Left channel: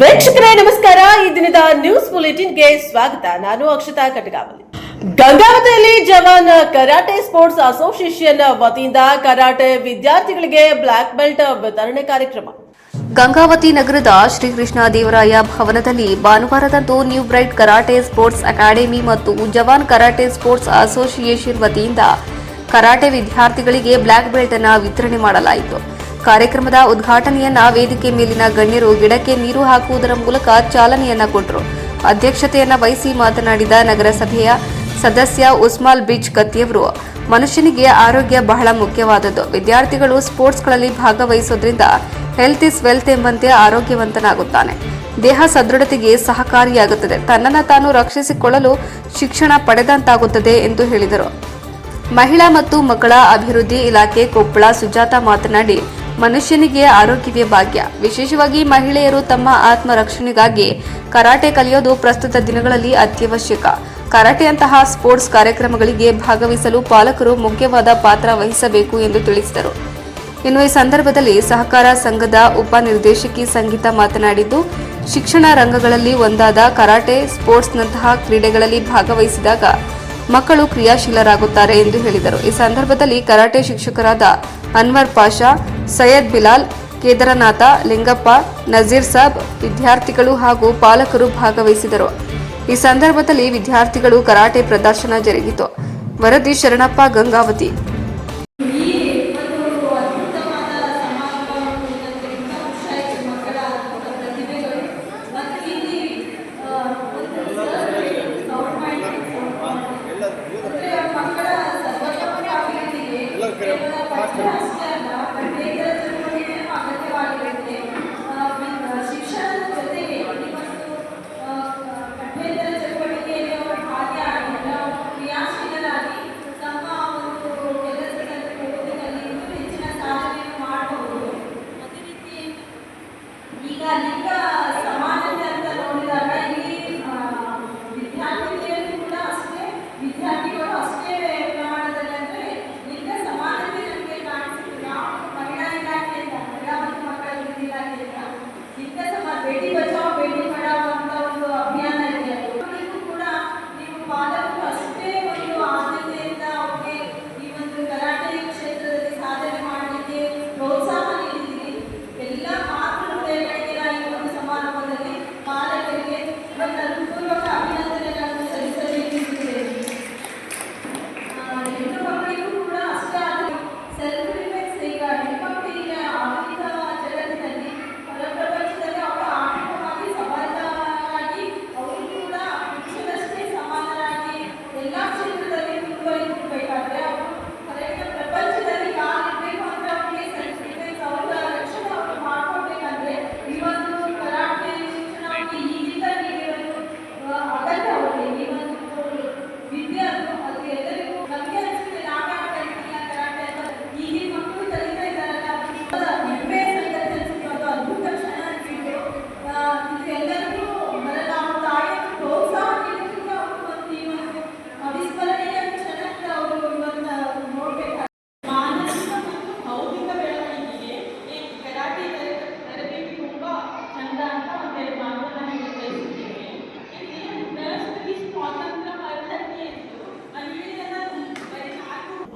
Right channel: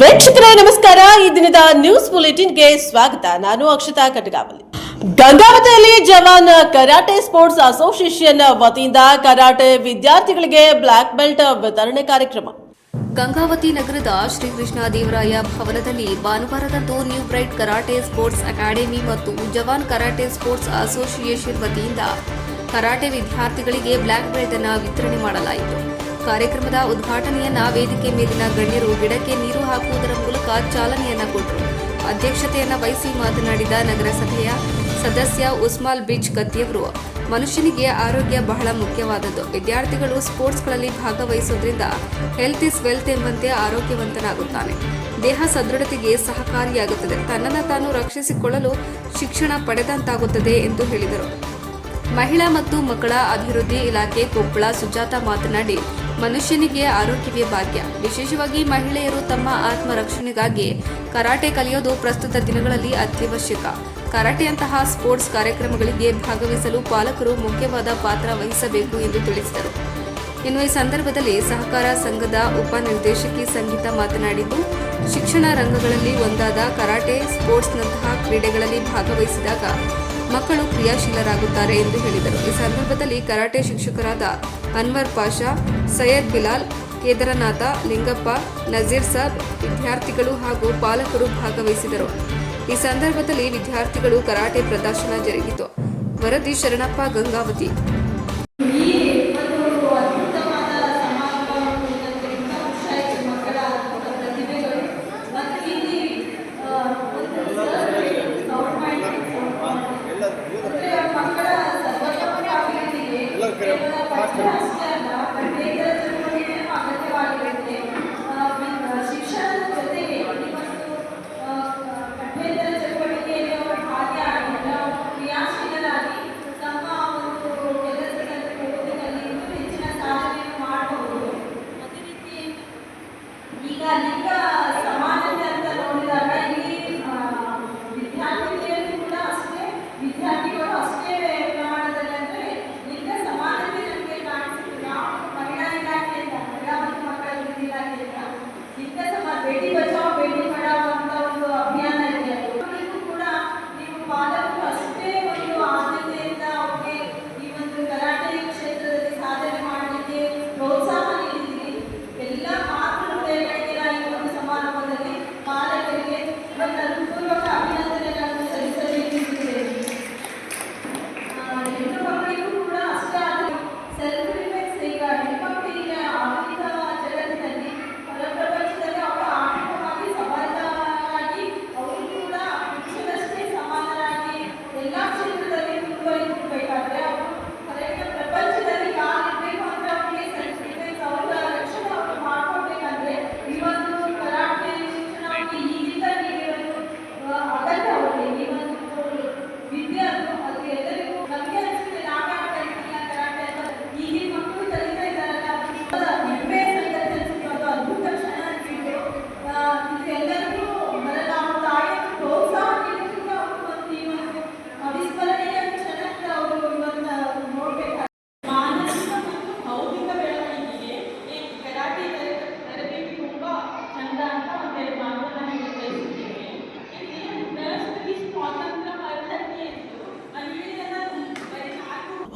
ವೀಕ್ಷಕರೇ ನಮಸ್ಕಾರ. ಈ ದಿನದ ನ್ಯೂಸ್ ಬುಲೆಟಿನ್ಗೆ ಸ್ವಾಗತ. ನಾನು ಅಕ್ಷತಾ ಕಟಗಾವಲಿ. ಗಂಗಾವತಿಯಲ್ಲಿ ಜವಾನ್ ಕರಾಟೆ ಸ್ಪೋರ್ಟ್ಸ್ ಅಸೋಸಿಯೇಷನ್ ವತಿಯಿಂದ ಕರಾಟೆ ವಿದ್ಯಾರ್ಥಿಗಳಿಗೆ ಬ್ಲಾಕ್ ಬೆಲ್ಟ್ ವಿತರಣೆ ಕಾರ್ಯಕ್ರಮ. ಗಂಗಾವತಿ ನಗರದ ಶ್ರೀಕೃಷ್ಣ ದೇವರಾಯ ಭವನದಲ್ಲಿ ಭಾನುವಾರದಂದು new bright karate sports academy ಮತ್ತು ಜವಾನ್ ಕರಾಟೆ ಸ್ಪೋರ್ಟ್ಸ್ ಅಸೋಸಿಯೇಷನ್ ವತಿಯಿಂದ ಕರಾಟೆ ವಿದ್ಯಾರ್ಥಿಗಳಿಗೆ ಬ್ಲಾಕ್ ಬೆಲ್ಟ್ ಅನ್ನು ವಿತರಣೆ ಮಾಡಲಾಯಿತು. ಕಾರ್ಯಕ್ರಮದ ಉದ್ಘಾಟನೆಯನ್ನ ವೇದಿಕೆ ಮೇಲಿನ ಗಣ್ಯರು ಗಿಡಕ್ಕೆ ನೀರು ಹಾಕುವುದರ ಮೂಲಕ ಚಾಲನೆಯನ್ನ ಕೊಟ್ಟರು. ಅಧ್ಯಕ್ಷತೆಯನ್ನ ವಹಿಸಿ ಮಾತನಾಡಿದ ನಗರಸಭೆಯ ಸದಸ್ಯ ಉಸ್ಮಾಲ್ ಬಿಚ್ ಕತ್ತಿಯವರು, ಮನುಷ್ಯನಿಗೆ ಆರೋಗ್ಯ ಬಹಳ ಮುಖ್ಯವಾದದ್ದು. ವಿದ್ಯಾರ್ಥಿಗಳು ಸ್ಪೋರ್ಟ್ಸ್ಗಳಲ್ಲಿ ಭಾಗವಹಿಸೋದ್ರಿಂದ ಹೆಲ್ತ್ ಇಸ್ ವೆಲ್ತ್ ಎಂಬಂತೆ ಆರೋಗ್ಯವಂತನಾಗುತ್ತಾನೆ. ದೇಹ ಸದೃಢತೆಗೆ ಸಹಕಾರಿಯಾಗುತ್ತದೆ. ತನ್ನನ್ನು ತಾನು ರಕ್ಷಿಸಿಕೊಳ್ಳಲು ಶಿಕ್ಷಣ ಪಡೆದಂತಾಗುತ್ತದೆ ಎಂದು ಹೇಳಿದರು. ಮಹಿಳಾ ಮತ್ತು ಮಕ್ಕಳ ಅಭಿವೃದ್ಧಿ ಇಲಾಖೆ ಕೊಪ್ಪಳ ಸುಜಾತ ಮಾತನಾಡಿ, ಮನುಷ್ಯನಿಗೆ ಆರೋಗ್ಯವೇ ಭಾಗ್ಯ. ವಿಶೇಷವಾಗಿ ಮಹಿಳೆಯರು ತಮ್ಮ ಆತ್ಮರಕ್ಷಣೆಗಾಗಿ ಕರಾಟೆ ಕಲಿಯೋದು ಪ್ರಸ್ತುತ ದಿನಗಳಲ್ಲಿ ಅತ್ಯವಶ್ಯಕ. ಕರಾಟೆಯಂತಹ ಸ್ಪೋರ್ಟ್ಸ್ ಕಾರ್ಯಕ್ರಮಗಳಿಗೆ ಭಾಗವಹಿಸಲು ಪಾಲಕರು ಮುಖ್ಯವಾದ ಪಾತ್ರ ವಹಿಸಬೇಕು ಎಂದು ತಿಳಿಸಿದರು. ಇನ್ನು ಈ ಸಂದರ್ಭದಲ್ಲಿ ಸಹಕಾರ ಸಂಘದ ಉಪನಿರ್ದೇಶಕಿ ಸಂಗೀತ ಮಾತನಾಡಿದ್ದು, ಶಿಕ್ಷಣ ರಂಗಗಳಲ್ಲಿ ಒಂದಾದ ಕರಾಟೆ ಸ್ಪೋರ್ಟ್ಸ್ನಂತಹ ಕ್ರೀಡೆಗಳಲ್ಲಿ ಭಾಗವಹಿಸಿದಾಗ ಮಕ್ಕಳು ಕ್ರಿಯಾಶೀಲರಾಗುತ್ತಾರೆ ಎಂದು ಹೇಳಿದರು. ಈ ಸಂದರ್ಭದಲ್ಲಿ ಕರಾಟೆ ಶಿಕ್ಷಕರಾದ ಅನ್ವರ್ ಪಾಷಾ, ಸೈಯದ್ ಬಿಲಾಲ್, ಕೇದಾರನಾಥ, ಲಿಂಗಪ್ಪ, ನಜೀರ್ ಸಾಬ್, ವಿದ್ಯಾರ್ಥಿಗಳು ಹಾಗೂ ಪಾಲಕರು ಭಾಗವಹಿಸಿದರು. ಈ ಸಂದರ್ಭದಲ್ಲಿ ವಿದ್ಯಾರ್ಥಿಗಳು ಕರಾಟೆ ಪ್ರದರ್ಶನ ಜರುಗಿತು. ವರದಿ ಶರಣಪ್ಪ, ಗಂಗಾವತಿ.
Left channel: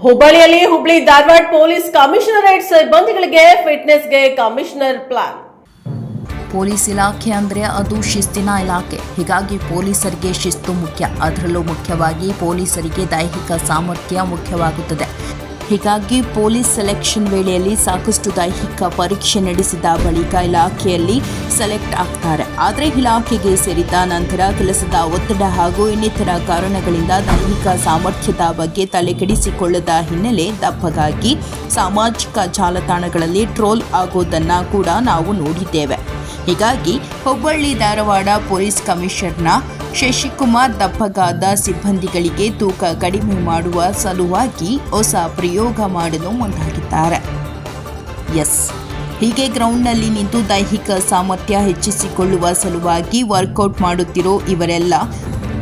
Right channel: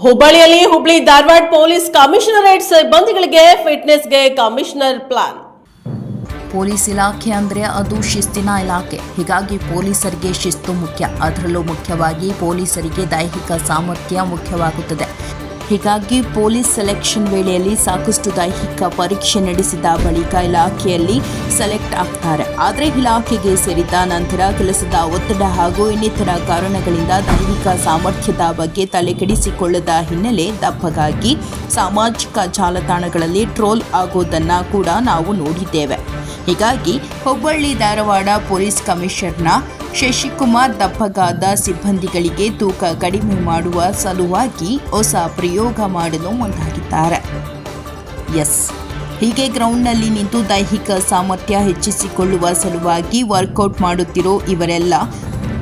ಹುಬ್ಬಳ್ಳಿಯಲ್ಲಿ ಹುಬ್ಳಿ ಧಾರವಾಡ ಪೊಲೀಸ್ ಕಮಿಷನರೇಟ್ ಸಿಬ್ಬಂದಿಗಳಿಗೆ ಫಿಟ್ನೆಸ್ಗೆ ಕಮಿಷನರ್ ಪ್ಲಾನ್. ಪೊಲೀಸ್ ಇಲಾಖೆ ಅಂದರೆ ಅದು ಶಿಸ್ತಿನ ಇಲಾಖೆ. ಹೀಗಾಗಿ ಪೊಲೀಸರಿಗೆ ಶಿಸ್ತು ಮುಖ್ಯ. ಅದರಲ್ಲೂ ಮುಖ್ಯವಾಗಿ ಪೊಲೀಸರಿಗೆ ದೈಹಿಕ ಸಾಮರ್ಥ್ಯ ಮುಖ್ಯವಾಗುತ್ತದೆ. ಹೀಗಾಗಿ ಪೊಲೀಸ್ ಸೆಲೆಕ್ಷನ್ ವೇಳೆಯಲ್ಲಿ ಸಾಕಷ್ಟು ದೈಹಿಕ ಪರೀಕ್ಷೆ ನಡೆಸಿದ ಬಳಿಕ ಇಲಾಖೆಯಲ್ಲಿ ಸೆಲೆಕ್ಟ್ ಆಗ್ತಾರೆ. ಆದರೆ ಇಲಾಖೆಗೆ ಸೇರಿದ ನಂತರ ಕೆಲಸದ ಒತ್ತಡ ಹಾಗೂ ಇನ್ನಿತರ ಕಾರಣಗಳಿಂದ ದೈಹಿಕ ಸಾಮರ್ಥ್ಯದ ಬಗ್ಗೆ ತಲೆಕೆಡಿಸಿಕೊಳ್ಳದ ಹಿನ್ನೆಲೆ ದಪ್ಪಗಾಗಿ ಸಾಮಾಜಿಕ ಜಾಲತಾಣಗಳಲ್ಲಿ ಟ್ರೋಲ್ ಆಗೋದನ್ನು ಕೂಡ ನಾವು ನೋಡಿದ್ದೇವೆ. ಹೀಗಾಗಿ ಹುಬ್ಬಳ್ಳಿ ಧಾರವಾಡ ಪೊಲೀಸ್ ಕಮಿಷನರ್ನ ಶಶಿಕುಮಾರ್ ದಪ್ಪಗಾದ ಸಿಬ್ಬಂದಿಗಳಿಗೆ ತೂಕ ಕಡಿಮೆ ಮಾಡುವ ಸಲುವಾಗಿ ಹೊಸ ಪ್ರಯೋಗ ಮಾಡಲು ಮುಂದಾಗಿದ್ದಾರೆ. ಹೀಗೆ ಗ್ರೌಂಡ್ನಲ್ಲಿ ನಿಂತು ದೈಹಿಕ ಸಾಮರ್ಥ್ಯ ಹೆಚ್ಚಿಸಿಕೊಳ್ಳುವ ಸಲುವಾಗಿ ವರ್ಕೌಟ್ ಮಾಡುತ್ತಿರೋ ಇವರೆಲ್ಲ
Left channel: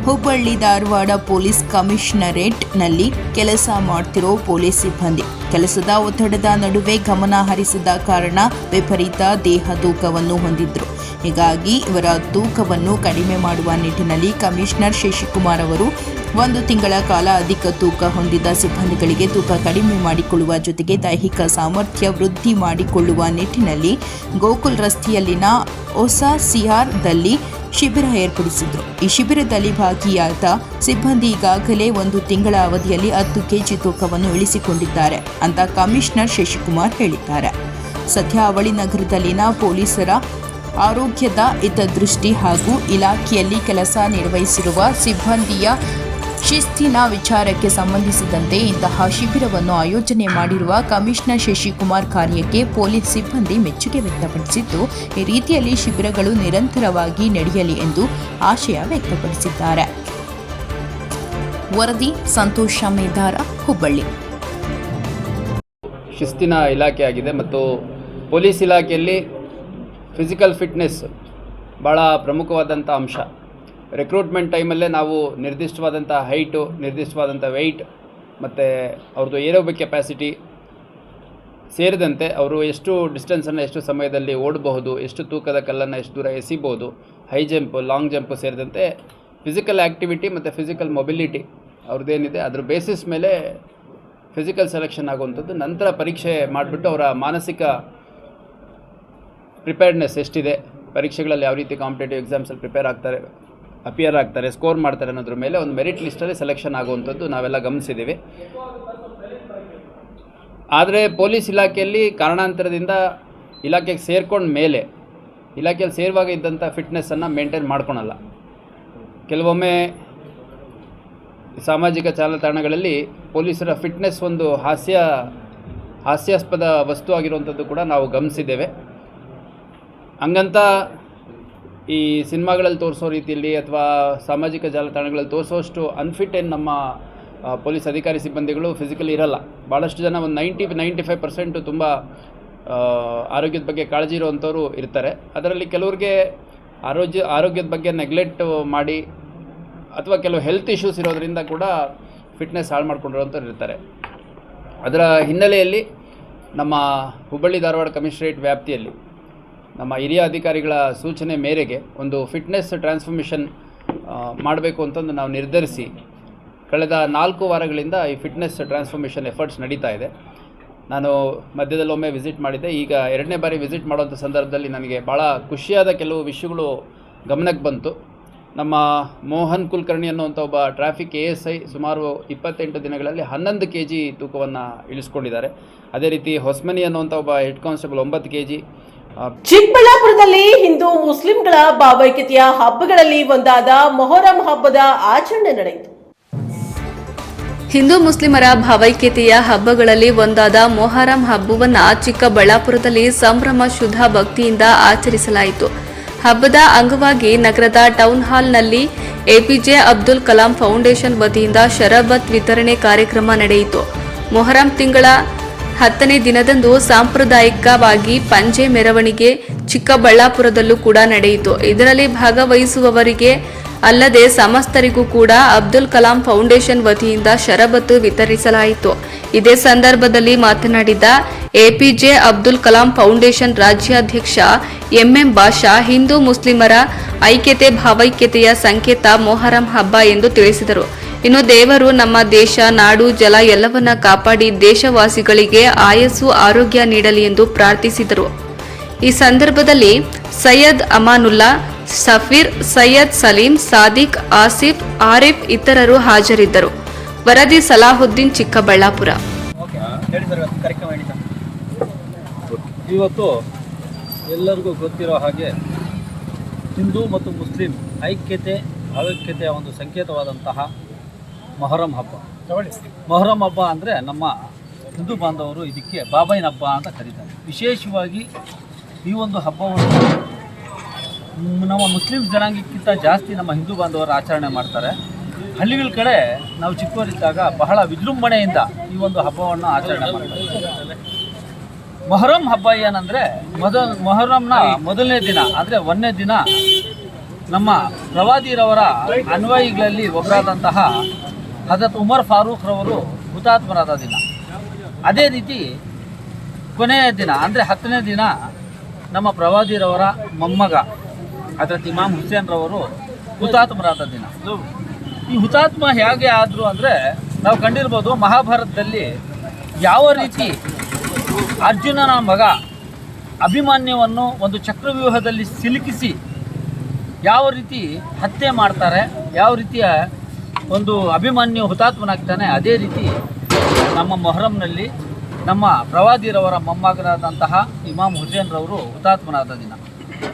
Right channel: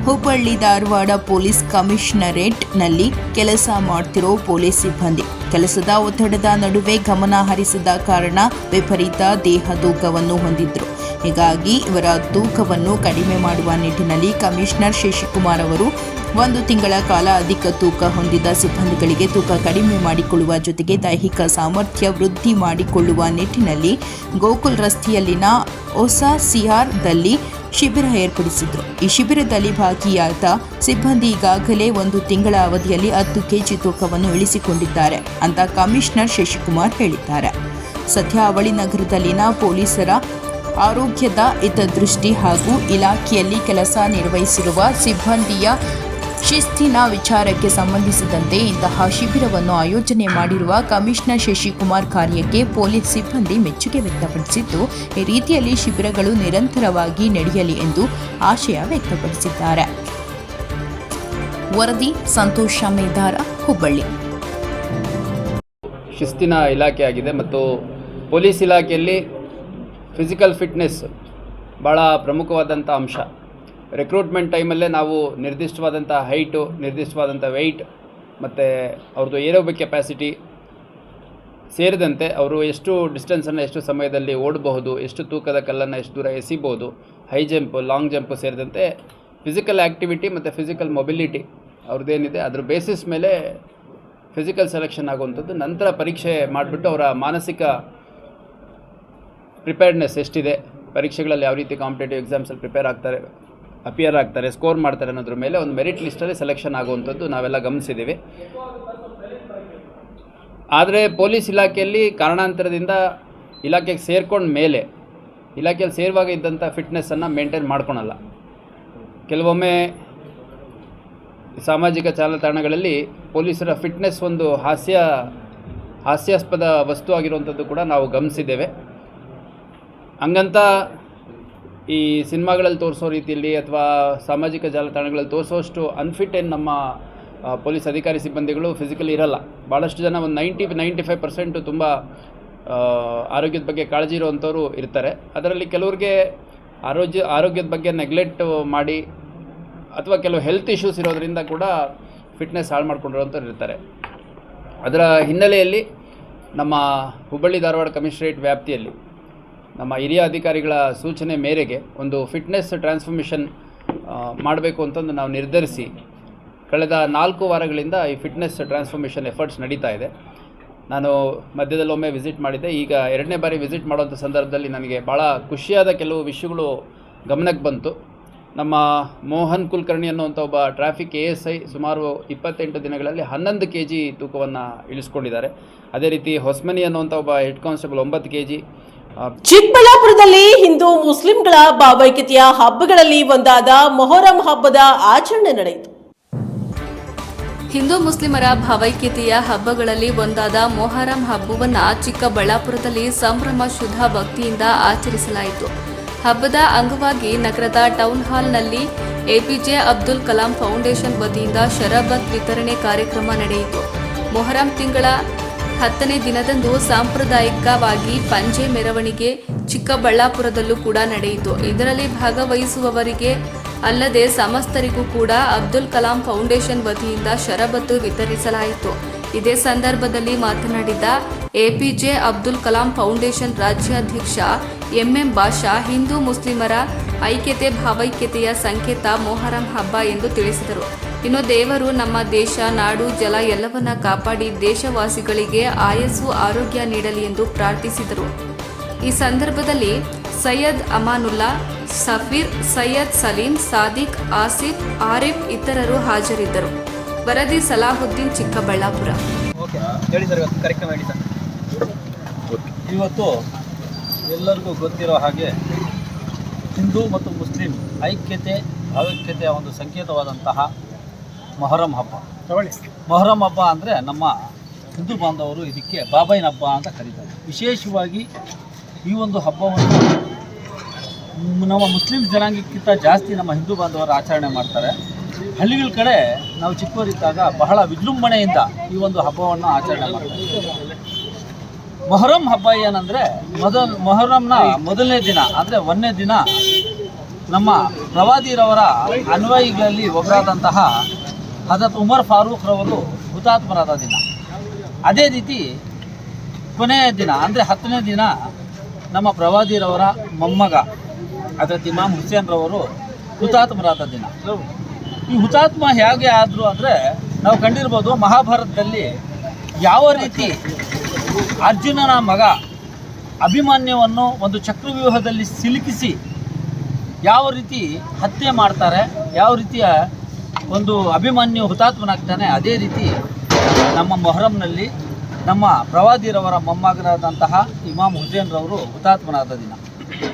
ಹುಬ್ಬಳ್ಳಿ ಧಾರವಾಡ ಪೊಲೀಸ್ ಕಮಿಷನರೇಟ್ನಲ್ಲಿ ಕೆಲಸ ಮಾಡ್ತಿರೋ ಪೊಲೀಸ್ ಸಿಬ್ಬಂದಿ. ಕೆಲಸದ ಒತ್ತಡದ ನಡುವೆ ಗಮನ ಹರಿಸಿದ ಕಾರಣ ವಿಪರೀತ ದೇಹ ತೂಕವನ್ನು ಹೊಂದಿದ್ರು. ಹೀಗಾಗಿ ಇವರ ತೂಕವನ್ನು ಕಡಿಮೆ ಮಾಡುವ ನಿಟ್ಟಿನಲ್ಲಿ ಕಮಿಷನರ್ ಶಶಿಕುಮಾರ್ ಅವರು 1 ತಿಂಗಳ ಕಾಲ ಅಧಿಕ ತೂಕ ಹೊಂದಿದ ಸಿಬ್ಬಂದಿಗಳಿಗೆ ತೂಕ ಕಡಿಮೆ ಮಾಡಿಕೊಳ್ಳುವ ಜೊತೆಗೆ ದೈಹಿಕ ಸಾಮರ್ಥ್ಯ ವೃದ್ಧಿ ಮಾಡಿಕೊಳ್ಳುವ ನಿಟ್ಟಿನಲ್ಲಿ ಗೋಕುಲ್ ರಸ್ತೆಯಲ್ಲಿನ ಹೊಸ ಸಿಆರ್ದಲ್ಲಿ ಶಿಬಿರ ಏರ್ಪಡಿಸಿದ್ರು. ಈ ಶಿಬಿರದಲ್ಲಿ ಭಾಗಿಯಾದ ಸಿಬ್ಬಂದಿ ಈಗಾಗಲೇ 1 ತಿಂಗಳ ಅವಧಿಯಲ್ಲಿ 10 ಕೆಜಿ ತೂಕವನ್ನು ಇಳಿಸಿಕೊಂಡಿದ್ದಾರೆ ಅಂತ ಕಮಿಷನರ್ ಶಶಿಕುಮಾರ್ ಹೇಳಿದ್ದಾರೆ. ಸದ್ಯ ಅವಳಿ ನಗರದಲ್ಲಿನ ಪೊಲೀಸರ ಆರೋಗ್ಯದ ಹಿತದೃಷ್ಟಿ ಹಾಗೂ ಇಲಾಖೆಯಲ್ಲಿ ಕೆಲಸ ನಿರ್ವಹಿಸಿರುವ ಸಿಬ್ಬಂದಿಯ ಶಿಸ್ತಿನ ವಿಚಾರಕ್ಕೆ ಸಂಬಂಧಿಸಿದಂತೆ ಇಂತಹ ಶಿಬಿರವನ್ನು ಆಯೋಜನೆ ಮಾಡಿರುವ ಕಮಿಷನರ್ ಶಶಿಕುಮಾರ್ ಕಾರ್ಯಕ್ಕೆ ಪೊಲೀಸ್ ಸಿಬ್ಬಂದಿ ಮೆಚ್ಚುಗೆ ವ್ಯಕ್ತಪಡಿಸಿದ್ದು, ಈ ರೀತಿಯಲ್ಲಿ ಶಿಬಿರಗಳು ನಿರಂತರವಾಗಿ ನಡೆಯಲಿ ಎಂದು ಆಶಯ ವ್ಯಕ್ತಪಡಿಸಿದ್ದಾರೆ. ವರದಿ ಸಂತೋಷ ಮೇದಾರ, ಹುಬ್ಬಳ್ಳಿ. ಶಿಸ್ತಿನ ಇಲಾಖೆ ಆಗಿದೆ ಮತ್ತು ಪೊಲೀಸ್ ಇಲಾಖೆಯಲ್ಲಿ ಫಿಸಿಕಲ್ ಫಿಟ್ನೆಸ್ ಭಾಳ ಪ್ರಮುಖವಾದಂಥ ಅಂಶ. ರಿಕ್ರೂಟ್ಮೆಂಟ್ ಟೈಮಲ್ಲೇ ನಾವು ನಿರ್ದಿಷ್ಟವಾದಂಥ ಹೈಟು, ನಿರ್ದಿಷ್ಟವಾದಂಥ ವೆಯ್ಟ್ ಮತ್ತು ಅವ್ರದ್ದು ಏರೋಬಿಕ್ ಕೆಪಾಸಿಟಿ ಸೇರಿದಂತೆ ಅವರು ಎಷ್ಟು ಡಿಸ್ಟೆನ್ಸನ್ನು ಎಷ್ಟು ಸಮಯದಲ್ಲಿ ಓಡಬಹುದು, ಎಷ್ಟು ತೂಕದ ಕಲ್ಲನ್ನು ಎಷ್ಟು ದೂರ ಎಸಿಬೋದು, ಹೈ ಜಂಪ್, ಲಾಂಗ್ ಜಂಪ್ ಸೇರಿದಂತೆ ಫಿಸಿಕಲ್ ಆ್ಯಕ್ಟಿವಿಟಿ ಮತ್ತು ಫಿಸಿಕಲ್ ಮೊಬಿಲಿಟಿ ಅವ್ರದ್ದೇನಿದೆ ಅದ್ರ ಬೇಸಿಸ್ ಮೇಲೆ ಫಿಸಿಕಲ್ ಸೆಲೆಕ್ಷನ್ ಆಗುವಂಥದ್ದು. ನಂತರ ಪರೀಕ್ಷೆ ಮಾಡಿಬಿಟ್ಟು ಅವರ ಮಾನಸಿಕ ಪ್ರಿಪೇರ್ಡ್ನೆಸ್ ಎಷ್ಟಿದೆ, ಪರೀಕ್ಷೆಗಳಲ್ಲಿ ಯಾವ ರೀತಿ ಕಾಂಪಿಟೇಟಿವ್ ಎಕ್ಸಾಮ್ಸಲ್ಲಿ ಅಪಿಯರ್ ಆಗ್ತಾರೆ, ಸ್ಕೋರ್ ಮಾಡ್ತಾರೆ ಅನ್ನೋದ್ರ ಮೇಲೆ ಒಂದು ಮೆರಿಟ್ ಲಿಸ್ಟಲ್ಲಿ ಸೆಲೆಕ್ಷನ್ ಆಗುವಂಥದ್ದು ನಾವೆಲ್ಲ ಗಮನಿಸಿದ್ದೀವಿ. ಆದರೆ ಪೊಲೀಸ್ ಇಲಾಖೆಯಲ್ಲಿ ಕಾರಣಾಂತರದಿಂದ ಇಲಾಖೆಗೆ ಸೇರ್ಕೊಂಡ ಮೇಲೆ ಇಲಾಖೆಯಲ್ಲಿ ಸೇರುವಾಗ ಇದ್ದಂಥ ಫಿಟ್ನೆಸ್ಸನ್ನು ಮೇಂಟೈನ್ ಮಾಡ್ಕೊಳಲ್ಲ. ಕೆಲವೊಮ್ಮೆ ಸಾಮಾಜಿಕ ಜಾಲತಾಣಗಳಲ್ಲಿ ಪೊಲೀಸರ ಫಿಟ್ನೆಸ್ ಒಂದು ಹಾಸ್ಯಾಸ್ಪದ ವಸ್ತು ಆಗಿರುವಂಥದ್ದು ಕೂಡ ನಾವು ಗಮನಿಸಿದ್ದೇವೆ. ಹಂಗಂತ ಈ ಸಿನಿಮಾಗಳಲ್ಲಿ ತೋರಿಸೋ ರೀತಿಯಲ್ಲಿ ಅಥವಾ ಸಾಮಾಜಿಕ ಜಾಲತಾಣಗಳಲ್ಲಿ ತೋರಿಸೋಷ್ಟು ಅನ್ಫಿಟ್ ಏನು ನಮ್ಮ ಪೊಲೀಸ್ ಅಧಿಕಾರಿ ಸಿಬ್ಬಂದಿಗಳು ಫಿಸಿಕಲಿ ಇರಲ್ಲ. ಭಾಳಷ್ಟು ಜನ ಒಂದು 90-95% ತುಂಬ ಆರೋಗ್ಯದ ಬಗ್ಗೆ ಕಾಳಜಿ ಇರುವಂಥವ್ರು ಇರ್ತಾರೆ. ಅದರಲ್ಲಿ ಕೆಲವ್ರಿಗೆ ಆರೋಗ್ಯದ ಬಗ್ಗೆ ನೆಗ್ಲೆಕ್ಟ್ ಮಾಡಿ ಅಥವಾ ಕೆಲವು ಹೆಲ್ತ್ ಇಶ್ಯೂಸ್ ಇರೋದರಿಂದ ಕೂಡ ಫಿಟ್ನೆಸ್ ಹಾಳು ಮಾಡ್ಕೊಂಡಿರೋಂಥವ್ರು ಇರ್ತಾರೆ. ಅದರ ಹಿನ್ನೆಲೆಯಲ್ಲಿ ನಮ್ಮ ಹುಬ್ಬಳ್ಳಿ ಧಾರವಾಡ ಕಮಿಷನರೇಟ್ ವ್ಯಾಪ್ತಿಯಲ್ಲಿ ನಮ್ಮ ಹಿರಿಯ ಅಧಿಕಾರಿಗಳ ಸೂಚನೆ ಮೇರೆಗೆ ಒಂದು ಫಿಟ್ನೆಸ್ ಟ್ರಾನ್ಸ್ಫಾರ್ಮೇಷನ್ ಮಾಡಬೇಕು ಅಂತಂದು ನಾವು ನಿರ್ಧರಿಸಿ ಕಳೆದ 4 ವಾರಗಳಿಂದ ಈ ಫಿಟ್ನೆಸ್ ಟ್ರಾನ್ಸ್ಫಾರ್ಮೇಷನ್ ಎಫರ್ಟ್ಸ್ ನಡೀತಾ ಇದೆ. ನಾನು ಮಧ್ಯದಲ್ಲೊಮ್ಮೆ ವಿಸಿಟ್ ಮಾಡಿದ್ದೆ. ಈಗ 2ನೇ ಬಾರಿ ವಿಸಿಟ್ ಮಾಡುವಂಥ ಸಂದರ್ಭದಲ್ಲಿ ನನಗೆ ಭಾಳ ಖುಷಿಯಾದ ಕೆಲವು ವಿಷಯಗಳು ಗಮನಕ್ಕೆ ಬಂತು. ನಮ್ಮ ಮೋಹನ್ ಕುಲಕರ್ಣಿ ಅನ್ನುವಂಥ ಒಬ್ಬ ಟ್ರಾಫಿಕ್ ASI ಸುಮಾರು 28 ದಿನಗಳಲ್ಲಿ 11 kg ತೂಕವನ್ನು ಇಳಿಸ್ಕೊಂಡಿದ್ದಾರೆ. ಅದೇ ರೀತಿ ಹೊಸ್ಮನಿ ಅನ್ನುವಂಥ ಒಬ್ಬ ಹೆಡ್ ಕಾನ್ಸ್ಟೇಬಲ್ 9 kg. ಚಿಕ್ಕಬಳ್ಳಾಪುರದಲ್ಲಿ ಹಿಂದೂ ಮುಸ್ಲಿಂಗಳ ಭಾವೈಕ್ಯತೆಯ ಹಬ್ಬಗಳಲ್ಲಿ ಒಂದಾದ ಮೊಹರಂ ಹಬ್ಬದ ಆಚರಣೆ ನಡೆಯಿತು. ಹಿಂದೂ ಮುಸ್ಲಿಮರ ಭಾವೈಕ್ಯತೆಯ ಹಬ್ಬಗಳಲ್ಲಿ ಒಂದಾದ ಮೊಹರಂ ಹಬ್ಬವನ್ನು ಚಿಕ್ಕಬಳ್ಳಾಪುರದಲ್ಲಿ ಸಂಭ್ರಮ ಶುದ್ಧ ಭಕ್ತಿಯಿಂದ ಆಚರಿಸಲಾಯಿತು. ಹಬ್ಬದ ಅಂಗವಾಗಿ ನಗರದ ಟೌನ್ ಹಾಲ್ನಲ್ಲಿ ಎಪಿಜೆ ಅಬ್ದುಲ್ ಕಲಾಂ ಫೌಂಡೇಶನ್ ವತಿಯಿಂದ ಶರಬತ್ ವಿತರಣೆ ಕಾರ್ಯಕ್ರಮ ನಡೆಯಿತು. ಮೊಹರಂ ತಿಂಗಳ 10ನೇ ದಿನದಂದು ಸಾಂಪ್ರದಾಯಿಕವಾಗಿ ಪಂಜೆ ಮೆರವಣಿಗೆ ಚಿಕ್ಕಬಳ್ಳಾಪುರದಲ್ಲೂ ಕೂಡ ನಡೆಯಿತು. ಇದರಲ್ಲಿ ಭಾಗವಹಿಸುವವರಿಗೆ ಅಲ್ಲದೆ ಸಮಸ್ತರಿಗೂ ಕೂಡ ಅಬ್ದುಲ್ ಕಲಾಂ ಫೌಂಡೇಶನ್ ವತಿಯಿಂದ ಶರಬತ್ತು ವಿತರಿಸಲಾಯಿತು. ಇದೇ ಸಂದರ್ಭದಲ್ಲಿ ಮಾತನಾಡಿದ ಎಪಿಜೆ ಅಬ್ದುಲ್ ಕಲಾಂ ಫೌಂಡೇಶನ್ ರಾಜ್ಯಾಧ್ಯಕ್ಷ ಎಂಎಂ ಬಾಷಾ, ಹಿಂದೂ ಮುಸ್ಲಿಮರ ಐಕ್ಯತೆ ಭಾವೈಕ್ಯತೆಯ ಸಂಕೇತ ಮೊಹರಂ ಹಬ್ಬ ಎಂದು ತಿಳಿಸಿದರು. ಇನ್ನು ದೇವರು ನಮ್ಮ ದೇಶ, ನಾಡು, ಜಲ ಎಲ್ಲವನ್ನ ಕಾಪಾಡಿ ದೇಶವಾಸಿಗಳಿಗೆ ಆಯಸ್ಸು ಆರೋಗ್ಯ ನೀಡಲಿ ಎಂದು ಪ್ರಾರ್ಥಿಸಿದರು. ಈ ಸಂದರ್ಭದಲ್ಲಿ ಸೈಯದ್ ಅಮಾನುಲ್ಲಾ, ಸಫೀರ್, ಸೈಯದ್ ಸಲೀಂ, ಸಾದಿಕ್, ಆಸಿಫ್, ಆರಿಫ್ ಇತರರು ಹಾಜರಿದ್ದರು. ವರದಿ ಸಲಾಹುದ್ದೀನ್, ಚಿಕ್ಕಬಳ್ಳಾಪುರ. ಇವತ್ತು ಎಲ್ಲರಿಗೂ ಗೊತ್ತಿರೋ ಹಾಗೆ ಹಿಂದೂ ಮತ್ತು ಮುಸ್ಲಿಂ ಐಕ್ಯತೆ ಭಾವೈಕ್ಯತೆಯ ಒಂದು ಸಂಕೇತವಾದಂತಹ ಮೊಹರಂ ಹಬ್ಬ. ಮೊಹರಂ ಹಬ್ಬ ಅಂದರೆ ನಮ್ಮ ಹಿಂದೂ ಬಾಂಧವರು ಇದಕ್ಕೆ ಬಾಬೈನ ಹಬ್ಬ ಅಂತ ಕರೀತಾರೆ. ವಿಶೇಷವಾಗಿ ಈ ಒಂದು ಹಬ್ಬವನ್ನು ನಮ್ಮ ಮುಸ್ಲಿಂ ಜನಾಂಗಕ್ಕಿಂತ ಜಾಸ್ತಿ ನಮ್ಮ ಹಿಂದೂ ಬಾಂಧವರು ಆಚರಣೆ ಮಾಡ್ತಾರೆ. ಹಳ್ಳಿಗಳ ಕಡೆ ನಾವು ಚಿಕ್ಕವರಿದ್ದಾಗ ಬಹಳ ವಿಜೃಂಭಣೆಯಿಂದ ಈ ಒಂದು ಹಬ್ಬವನ್ನು ಆಚರಣೆ ಮಾಡ್ತಾರೆ. ಮೊಹರಂ ಹಬ್ಬ ಏನಂದರೆ ಮೊಹರಂನ ಮೊದಲನೇ ದಿನ ಅಂದರೆ 1ನೇ ದಿನ ನಮ್ಮ ಪ್ರವಾದಿರವರ ಅನ್ವಯಿಗಳಲ್ಲಿ ಒಬ್ಬರಾದಂತಹ ಹಜರತ್ ಉಮರ್ ಫಾರೂಕ್ ರವರು ಹುತಾತ್ಮರಾದ ದಿನ. ಅದೇ ರೀತಿ ಕೊನೆಯ ದಿನ ಅಂದರೆ 10ನೇ ದಿನ ನಮ್ಮ ಪ್ರವಾದಿರವರ ಮೊಮ್ಮಗ ಹಜರತ್ ಇಮಾಮ್ ಹುಸೇನ್ ರವರು ಹುತಾತ್ಮರಾದ ದಿನ. ಈ ಹುತಾತ್ಮ ಹೇಗೆ ಆದರು ಅಂದರೆ, ನಾವು ಕಂಡಿರ್ಬೋದು ಮಹಾಭಾರತದಲ್ಲಿ ಯಾವ ರೀತಿ ಅರ್ಜುನನ ಮಗ ಅಭಿಮನ್ಯುವನ್ನು ಒಂದು ಚಕ್ರವ್ಯೂಹದಲ್ಲಿ ಸಿಲುಕಿಸಿ ಯಾವ ರೀತಿ ಹತ್ಯೆ ಮಾಡ್ತಾರೆ, ಯಾವ ರೀತಿಯ ಒಂದು ಅಭಿಮನ್ಯು ಹುತಾತ್ಮನಾಗ್ತಾನೆ, ಅದೇ ರೀತಿ ನಮ್ಮ ಮೊಹರಂನಲ್ಲಿ ನಮ್ಮ ಪ್ರವಾದಿರವರ ಮೊಮ್ಮಗನಾದಂತಹ ಇಮಾಮ್ ಹುಸೇನ್ ರವರು ಹುತಾತ್ಮನಾದ ದಿನ.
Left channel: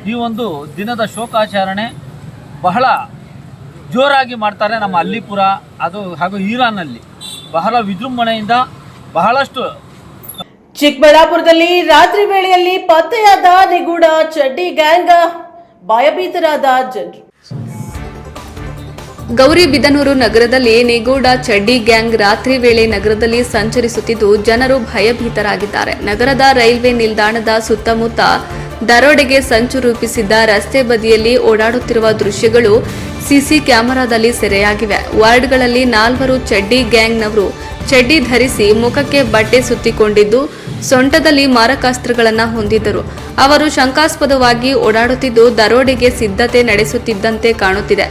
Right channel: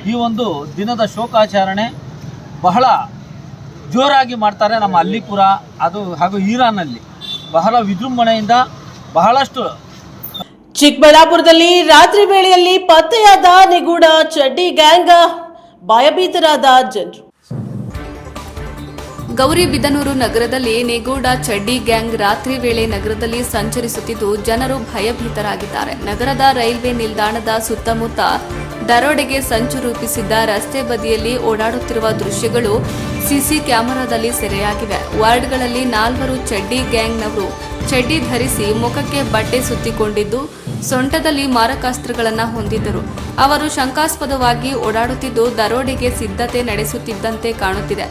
ಈ ಒಂದು ದಿನದ ಶೋಕಾಚರಣೆ ಬಹಳ ಜೋರಾಗಿ ಮಾಡ್ತಾರೆ ನಮ್ಮ ಅಲ್ಲಿಪುರ ಹಾಗೂ ಇರಾನಲ್ಲಿ ಬಹಳ ವಿಜೃಂಭಣೆಯಿಂದ ಬಹಳಷ್ಟು. ಚಿಕ್ಕಬಳ್ಳಾಪುರದಲ್ಲಿ ರಾತ್ರಿ ವೇಳೆಯಲ್ಲಿ ಪತ್ತೆಯಾದ ನಿಗೂಢ ಚಡ್ಡಿ ಗ್ಯಾಂಗ್, ಭಯಭೀತರಾದ ಜನರು. ಗೌರಿಬಿದನೂರು ನಗರದಲ್ಲಿ ನಿಗೂಢ ಚಡ್ಡಿ ಗ್ಯಾಂಗ್ ರಾತ್ರಿ ವೇಳೆ ನಗರದಲ್ಲಿ ಸಂಚರಿಸುತ್ತಿದ್ದು ಜನರು ಭಯಭೀತರಾಗಿದ್ದಾರೆ. ನಗರದ ರೈಲ್ವೆ ನಿಲ್ದಾಣದ ಸುತ್ತಮುತ್ತ ದರೋಡೆಗೆ ಸಂಚು ರೂಪಿಸಿದ್ದ ರಸ್ತೆ ಬದಿಯಲ್ಲಿ ಓಡಾಡುತ್ತಿರುವ ದೃಶ್ಯಗಳು ಸಿಸಿ ಕ್ಯಾಮೆರಾದಲ್ಲಿ ಸೆರೆಯಾಗಿವೆ. ವಾರ್ಡ್ಗಳಲ್ಲಿ 4 ಚಡ್ಡಿ ಗ್ಯಾಂಗ್ನವರು ಚಡ್ಡಿ ಧರಿಸಿ ಮುಖಕ್ಕೆ ಬಟ್ಟೆ ಸುತ್ತಿಕೊಂಡಿದ್ದು ಸೊಂಟದಲ್ಲಿ ಮಾರಕಾಸ್ತ್ರಗಳನ್ನು ಹೊಂದಿದ್ದರು. ಅವರು ಶಂಕಾಸ್ಪದವಾಗಿ ಓಡಾಡುತ್ತಿದ್ದು ದರೋಡೆಗೆ ಸಿದ್ಧತೆ ನಡೆಸುತ್ತಿದ್ದಂತೆ ಕಾಣುತ್ತಿದೆ.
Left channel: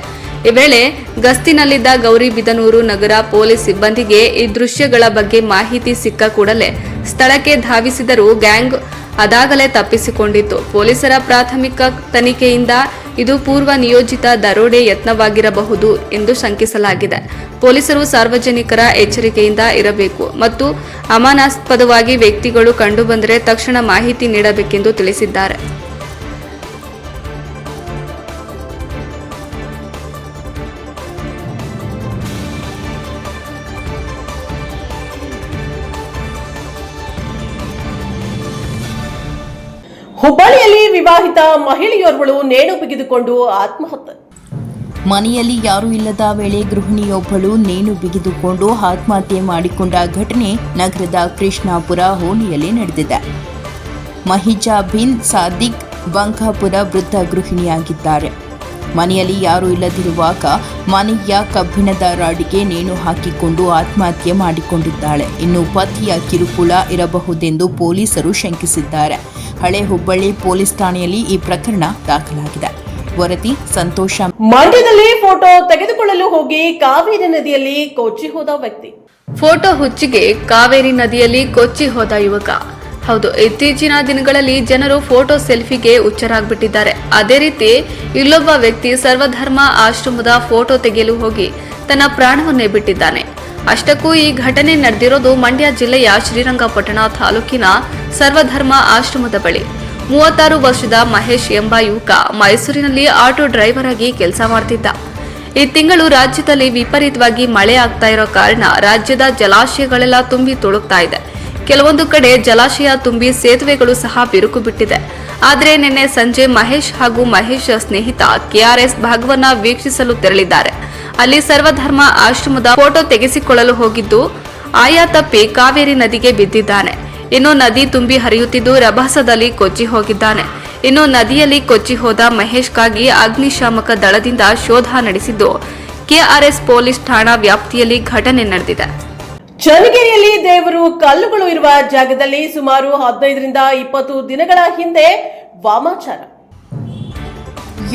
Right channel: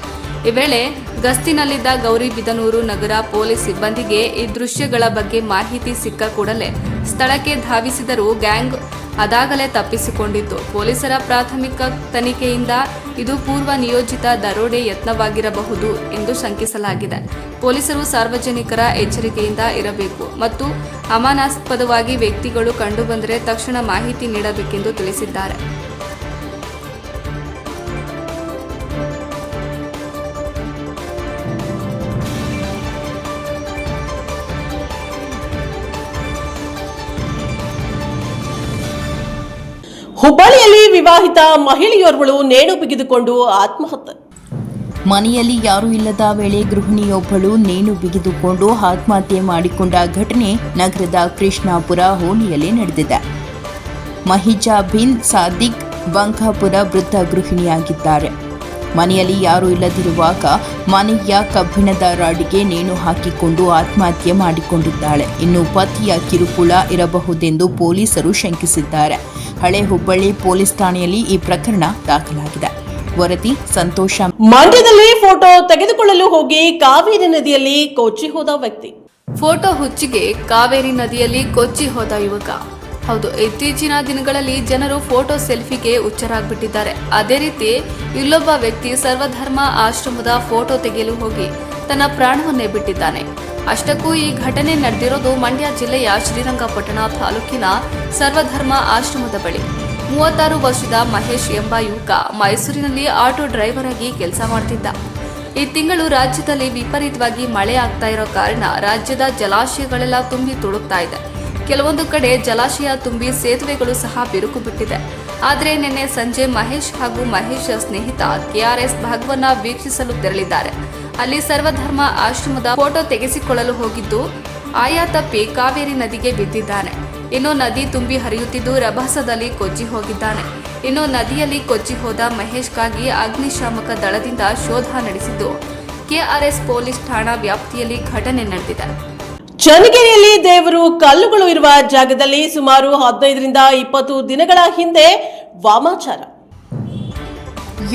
ಈ ವೇಳೆ ಗಸ್ತಿನಲ್ಲಿದ್ದ ಗೌರಿಬಿದನೂರು ನಗರ ಪೊಲೀಸ್ ಸಿಬ್ಬಂದಿಗೆ ಈ ದೃಶ್ಯಗಳ ಬಗ್ಗೆ ಮಾಹಿತಿ ಸಿಕ್ಕ ಕೂಡಲೇ ಸ್ಥಳಕ್ಕೆ ಧಾವಿಸಿದರೂ ಗ್ಯಾಂಗ್ ಅದಾಗಲೇ ತಪ್ಪಿಸಿಕೊಂಡಿತ್ತು. ಪೊಲೀಸರ ಪ್ರಾಥಮಿಕ ತನಿಖೆಯಿಂದ ಇದು ಪೂರ್ವ ನಿಯೋಜಿತ ದರೋಡೆ ಯತ್ನವಾಗಿರಬಹುದು ಎಂದು ಶಂಕಿಸಲಾಗಿದೆ. ಪೊಲೀಸರು ಸಾರ್ವಜನಿಕರ ಎಚ್ಚರಿಕೆಯಿಂದ ಇರಬೇಕು ಮತ್ತು ಅನುಮಾನಾಸ್ಪದವಾಗಿ ವ್ಯಕ್ತಿಗಳು ಕಂಡುಬಂದರೆ ತಕ್ಷಣ ಮಾಹಿತಿ ನೀಡಬೇಕೆಂದು ತಿಳಿಸಿದ್ದಾರೆ. ಹುಬ್ಬಳ್ಳಿಯಲ್ಲಿ ವಿವಾಹಿತ ಮಹಿಳೆಯೋರ್ವಳು ನೇಣು ಬಿಗಿದುಕೊಂಡು ಆತ್ಮಹತ್ಯೆ. ಮನೆಯಲ್ಲಿ ಯಾರೂ ಇಲ್ಲದ ವೇಳೆ ಗೃಹಿಣಿಯೊಬ್ಬಳು ನೇಣು ಬಿಗಿದುಕೊಂಡು ಆತ್ಮಹತ್ಯೆ ಮಾಡಿಕೊಂಡ ಘಟನೆ ನಗರದ ಕೃಷ್ಣಾಪುರ ಹೋಣಿಯಲ್ಲಿ ನಡೆದಿದೆ. ಮಹಿಜಾ ಬಿನ್ ಸಾದಿಕ್ ಬಂಕಾಪುರ ವೃದ್ಧ ಗೃಹಿಣಿಯಾಗಿದ್ದಾರೆ. ಮನೆಯಲ್ಲಿ ಯಾರೂ ಇಲ್ಲದಿರುವಾಗ ಮನೆಯ ಕಬ್ಬಿಣದ ರಾಡಿಗೆ ನೇಣು ಹಾಕಿಕೊಂಡು ಆತ್ಮಹತ್ಯೆ ಮಾಡಿಕೊಂಡಿದ್ದಾಳೆ. ಇನ್ನು ಪತಿಯ ಕಿರುಕುಳ ಇರಬಹುದೆಂದು ಪೊಲೀಸರು ಶಂಕಿಸಿದ್ದಾರೆ. ಹಳೆ ಹುಬ್ಬಳ್ಳಿ ಪೊಲೀಸ್ ಠಾಣೆಯಲ್ಲಿ ಈ ಪ್ರಕರಣ ದಾಖಲಾಗಿದೆ. ವರದಿ ಸಂತೋಷ. ಮಂಡ್ಯದಲ್ಲಿ ಫೋಟೋ ತೆಗೆದುಕೊಳ್ಳಲು ಹೋಗಿ ಕಾವೇರಿ ನದಿಯಲ್ಲಿ ಕೊಚ್ಚಿ ಹೋದ ವ್ಯಕ್ತಿ. ಫೋಟೋ ಹುಚ್ಚಿಗೆ ಕಾವೇರಿ ನದಿಯಲ್ಲಿ ಕೊಚ್ಚಿ ಹೋದ ಯುವಕ. ಹೌದು, ಇತ್ತೀಚಿನ ದಿನಗಳಲ್ಲಿ ಜನರು ಫೋಟೋ ಸೆಲ್ಫಿಗೆ ಹುಚ್ಚರಾಗ್ಬಿಟ್ಟಿದ್ದಾರೆ. ಅದೇ ರೀತಿ ಇಲ್ಲೊಬ್ಬ ವ್ಯಕ್ತಿ ಸರ್ವಧರ್ಮ ಆಶ್ರಮದ ಫೋಟೋ ತೆಗೆಯಲು ಹೋಗಿ ತನ್ನ ಪ್ರಾಣವನ್ನೇ ಬಿಟ್ಟಿದ್ದಾನೆ. ಅಷ್ಟಕ್ಕೂ ಈ ಘಟನೆ ನಡೆದಿರೋದು ಮಂಡ್ಯ ಜಿಲ್ಲೆಯ ಶ್ರೀರಂಗಪಟ್ಟಣ ತಾಲೂಕಿನ ಸರ್ವಧರ್ಮ ಆಶ್ರಮದ ಬಳಿ. 36 ವರ್ಷದ ಮಹೇಶ್ ಎಂಬ ಯುವಕ ಮೈಸೂರಿನಲ್ಲಿ ಆಟೋ ಡ್ರೈವರ್ ಆಗಿ ಕೆಲಸ ಮಾಡ್ತಿದ್ದ. ಈ ತಿಂಗಳು ರಾಜ್ಯದಲ್ಲಿ ವಿಪರೀತವಾಗಿ ಮಳೆ ಆಗ್ತಾ ಇರೋ ಕಾರಣ ರಾಜ್ಯದ ಜಲಾಶಯಗಳೆಲ್ಲ ತುಂಬಿ ತುಳುಕ್ತಾ ಇದೆ. ಕೆಲವೊಂದು ಕಡೆ ಜಲಾಶಯ ತುಂಬಿ ಸೇತುವೆಗಳು ಸಹ ಬಿರುಕು ಬಿಟ್ಟಿದೆ. ಆದರೆ ನಿನ್ನೆ ಸಂಜೆ ಮಹೇಶ್ ಹಾಗೂ ಮಹೇಶ್ ಸ್ನೇಹಿತ ಕೆಆರ್ಎಸ್ ಭಾಗವನ್ನ ವೀಕ್ಷಿಸಲು ತೆರಳಿದ್ದಾರೆ. ಅಲ್ಲಿ ಸರ್ವಧರ್ಮ ಆಶ್ರಮದ ಫೋಟೋ ತೆಗೆಸಿಕೊಳ್ಳಲು ಹೋಗಿದ್ದು ಆಯಾ ತಪ್ಪಿ ಕಾವೇರಿ ನದಿಗೆ ಬಿದ್ದಿದ್ದಾನೆ. ಇನ್ನು ನದಿ ತುಂಬಿ ಹರಿಯುತ್ತಿದ್ದು ರಭಸದಲ್ಲಿ ಕೊಚ್ಚಿ ಹೋಗಿದ್ದಾನೆ. ಇನ್ನು ನದಿಯಲ್ಲಿ ಕೊಚ್ಚಿ ಹೋದ ಮಹೇಶ್ಗಾಗಿ ಅಗ್ನಿಶಾಮಕ ದಳದಿಂದ ಶೋಧ ನಡೆಸಿದ್ದು ಕೆಆರ್ಎಸ್ ಪೊಲೀಸ್ ಠಾಣಾ ವ್ಯಾಪ್ತಿಯಲ್ಲಿ ಘಟನೆ ನಡೆದಿದೆ. ಚನ್ನಗಿರಿಯಲ್ಲಿ ದೇವರು ಕಲ್ಲುಗಳು ಇರುವ ಜಾಗದಲ್ಲಿ ಸುಮಾರು 15ರಿಂದ 20 ದಿನಗಳ ಹಿಂದೆ ವಾಮಾಚಾರ.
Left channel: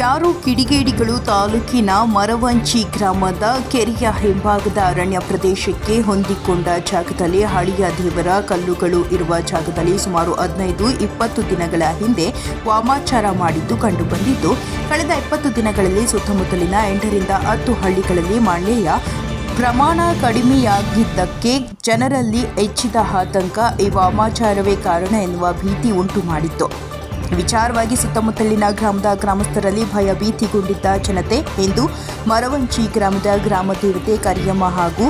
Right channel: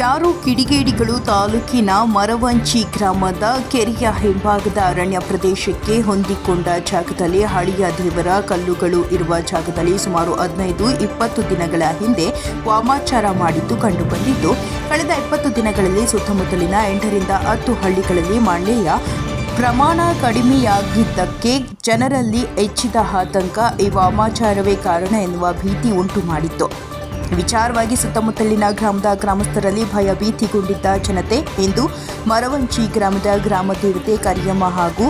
ಯಾರು ಕಿಡಿಗೇಡಿಗಳು ತಾಲೂಕಿನ ಮರವಂಚಿ ಗ್ರಾಮದ ಕೆರೆಯ ಹಿಂಭಾಗದ ಅರಣ್ಯ ಪ್ರದೇಶಕ್ಕೆ ಹೊಂದಿಕೊಂಡ ಜಾಗದಲ್ಲಿ ಹಳೆಯ ದೇವರ ಕಲ್ಲುಗಳು ಇರುವ ಜಾಗದಲ್ಲಿ ಸುಮಾರು 15-20 ದಿನಗಳ ಹಿಂದೆ ವಾಮಾಚಾರ ಮಾಡಿದ್ದು ಕಂಡುಬಂದಿದ್ದು, ಕಳೆದ 20 ದಿನಗಳಲ್ಲಿ ಸುತ್ತಮುತ್ತಲಿನ 8ರಿಂದ 10 ಹಳ್ಳಿಗಳಲ್ಲಿ ಮಳೆಯ ಪ್ರಮಾಣ ಕಡಿಮೆಯಾಗಿದ್ದಕ್ಕೆ ಜನರಲ್ಲಿ ಹೆಚ್ಚಿದ ಆತಂಕ ಈ ವಾಮಾಚಾರವೇ ಕಾರಣ ಎನ್ನುವ ಭೀತಿ ಉಂಟು ಮಾಡಿತ್ತು. ವಿಚಾರವಾಗಿ ಸುತ್ತಮುತ್ತಲಿನ ಗ್ರಾಮದ ಗ್ರಾಮಸ್ಥರಲ್ಲಿ ಭಯಭೀತಿಗೊಂಡಿದ್ದ ಜನತೆ ಇಂದು ಮರವಂಚಿ ಗ್ರಾಮದ ಗ್ರಾಮ ದೇವತೆ ಕರಿಯಮ್ಮ ಹಾಗೂ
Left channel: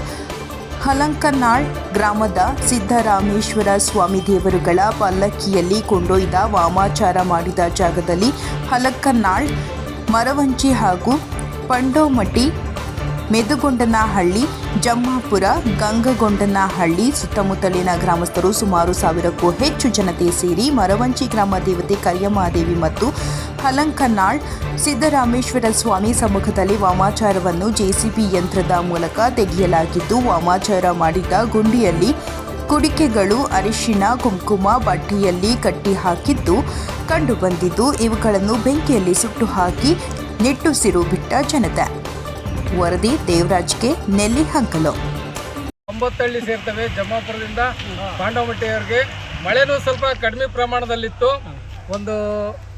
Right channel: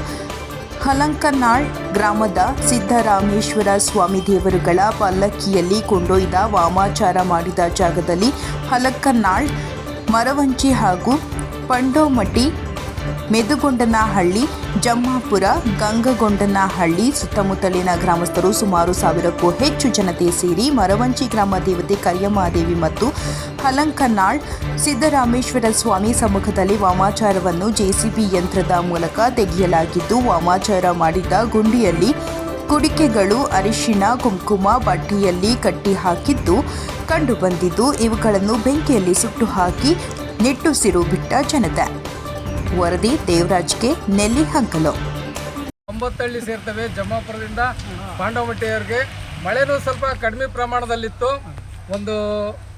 ಹಲಂಕನಾಳ್ ಗ್ರಾಮದ ಸಿದ್ದರಾಮೇಶ್ವರ ಸ್ವಾಮಿ ದೇವರುಗಳ ಪಲ್ಲಕ್ಕಿಯಲ್ಲಿ ಕೊಂಡೊಯ್ದ ವಾಮಾಚಾರ ಮಾಡಿದ ಜಾಗದಲ್ಲಿ ಹಲಂಕನಾಳ್, ಮರವಂಚಿ ಹಾಗೂ ಪಂಡೋಮಟ್ಟಿ, ಮೆದುಗೊಂಡನಹಳ್ಳಿ, ಜಮ್ಮಾಪುರ, ಗಂಗಗೊಂಡನಹಳ್ಳಿ ಸುತ್ತಮುತ್ತಲಿನ ಗ್ರಾಮಸ್ಥರು ಸುಮಾರು 1000ಕ್ಕೂ ಹೆಚ್ಚು ಜನತೆ ಸೇರಿ ಮರವಂಚಿ ಗ್ರಾಮ ದೇವತೆ ಕರಿಯಮ್ಮಾದೇವಿ ಮತ್ತು ಹಲಂಕನಾಳ್ ಸಿದ್ದರಾಮೇಶ್ವರ ಸ್ವಾಮಿ ಸಮ್ಮುಖದಲ್ಲಿ ವಾಮಾಚಾರವನ್ನು ಜೆಸಿಬಿ ಯಂತ್ರದ ಮೂಲಕ ತೆಗೆಯಲಾಗಿದ್ದು, ವಾಮಾಚಾರ ಮಾಡಿದ ಗುಂಡಿಯಲ್ಲಿ ಕುಡಿಕೆಗಳು ಅರಿಶಿನ ಕುಂಕುಮ ಬಟ್ಟೆಯಲ್ಲಿ ಕಟ್ಟಿ ಹಾಕಿದ್ದು ಕಂಡುಬಂದಿದ್ದು ಇವುಗಳನ್ನು ಬೆಂಕಿಯಲ್ಲಿ ಸುಟ್ಟು ಹಾಕಿ ನಿಟ್ಟುಸಿರು ಬಿಟ್ಟ ಜನತೆ. ವರದಿ ದೇವರಾಜ್ಗೆ ನೆಲ್ಲಿಹಂಕಲು. 9 ಹಳ್ಳಿ ಸೇರ್ತವೆ. ಜಮ್ಮಾಪುರದಿಂದ ಪಾಂಡವಮಟ್ಟಿಯವರೆಗೆ ಮಳೆನೂ ಸ್ವಲ್ಪ ಕಡಿಮೆ ಪ್ರಮಾಣದಲ್ಲಿತ್ತು. ಒಂದು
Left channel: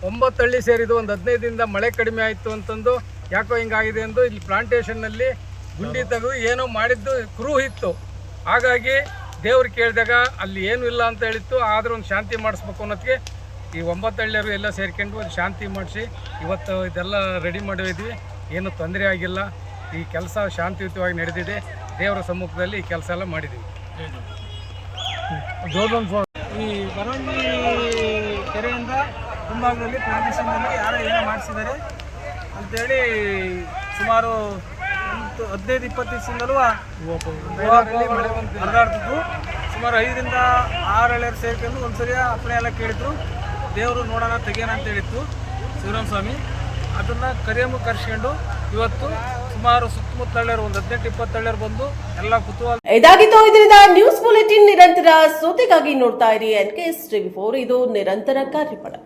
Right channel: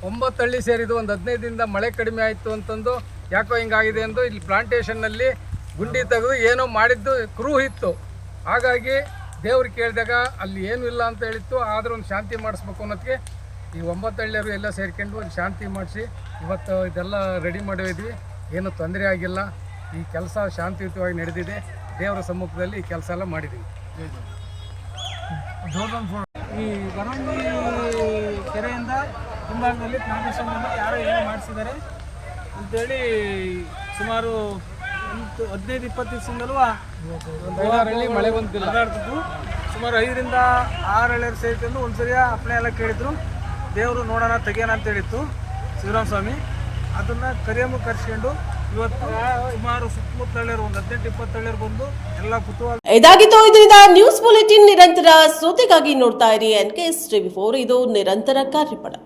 9 ಹಳ್ಳಿ ಸೇರಿದು ಒಂದು 15 ದಿನದಿಂದ ಮಳೆ ಕಡಿಮೆ ಆಯಿತು ಅಂತಂದು ಯಾಕೋ ಹಿಂಗಾಗಿದೆ ಎಂದು ಇಲ್ಲಿ ಪ್ಲಾಂಟೇಷನ್ನಲ್ಲಿ ಗುಂಡಿ ತೆಗೆದು ಏನೋ ಮಾಡಿದ್ದು ಕ್ರೂ ಇತ್ತು. ಹಾಗಾಗಿ ದೇವ್ರು ಕೇಳಿದಾಗ ಅಲ್ಲಿ ಏನೂ ಇಲ್ಲ ಅಂತ ಹೇಳಿತ್ತು. ಆದರೂ ಒಂದು ಶಾಂತಿ ಮಾಡಿಸ್ಬೇಕು ಅನ್ನೋದಕ್ಕೆ ಈ 9 ಹಳ್ಳಿಯರು ಎಲ್ಲ ಸೇರ್ಕೊಂಡು ಒಂದು ಶಾಂತಿ ಮಾಡಿಸಿ ಇವತ್ತು ಇದೆಲ್ಲ ರೆಡಿ ಮಾಡಿದ್ವಿ. ಏನು ತೊಂದರೆ ಆಗಿಲ್ಲ. ಈ ಕೆಲಸ ಶಾಂತಿಯುತವಾಗಿ ನಡೆದಿದೆ. ದೇವರ ಸಮ್ಮುಖದಲ್ಲಿ ಈ ಕೆಲಸ ಎಲ್ಲ ಮಾಡಿದ್ದೀವಿ. ಈ ಬರವಂಗಿ ಕೆರೆಯಿಂದ ಹಿಂಭಾಗದಲ್ಲಿ ಪ್ಲಾಂಟೇಷನ್ನಲ್ಲಿ ಯಾರೋ ಏನೋ ಮಾಡಿಸಿದ್ದಾರೆ ಅಂಥೇಳಿ ಸುಮಾರು 15-20 ದಿವಸದಿಂದಲೂ ಹರಿದಾಡ್ತಿದ್ವು. ಸುಮಾರು 5ರಿಂದ 6 ಹಳ್ಳಿಯರು ಸೇರ್ಕೊಂಡು ಒಂದ್ಸರಿ ಅಪ್ಪಣೆ ಎಲ್ಲ ಕೇಳಿದ್ರು. ದೇವರು ನೋಡೋಣ ತೆಗಿಯೋಣ ಅಂತ ಹೇಳಿತ್ತು ಶಿವರಾಮ ಸ್ವಾಮಿ. ಅದನ್ನು ಕರೆಸ್ಕೊಂಡು ಇವತ್ತು ಸುಮಾರು ಸುತ್ತಮುತ್ತ ಹಳ್ಳಿಯರು ಒಂದು 18-20 ಹಳ್ಳಿಯರು ಬಂದು ಎಲ್ಲ ಕುತೂಹಲ. ಇದಾಗಿತ್ತು ಇದರಿಂದ ನ್ಯೂಸ್ ಬುಲೆಟಿನ್. ನಿರಂತರ ಸುದ್ದಿಗಾಗಿ ನೋಡ್ತಾ ಇರಿ NKS TV4. ಇದು ನಿರಂತರ ಕಾರ್ಯಪಡೆ.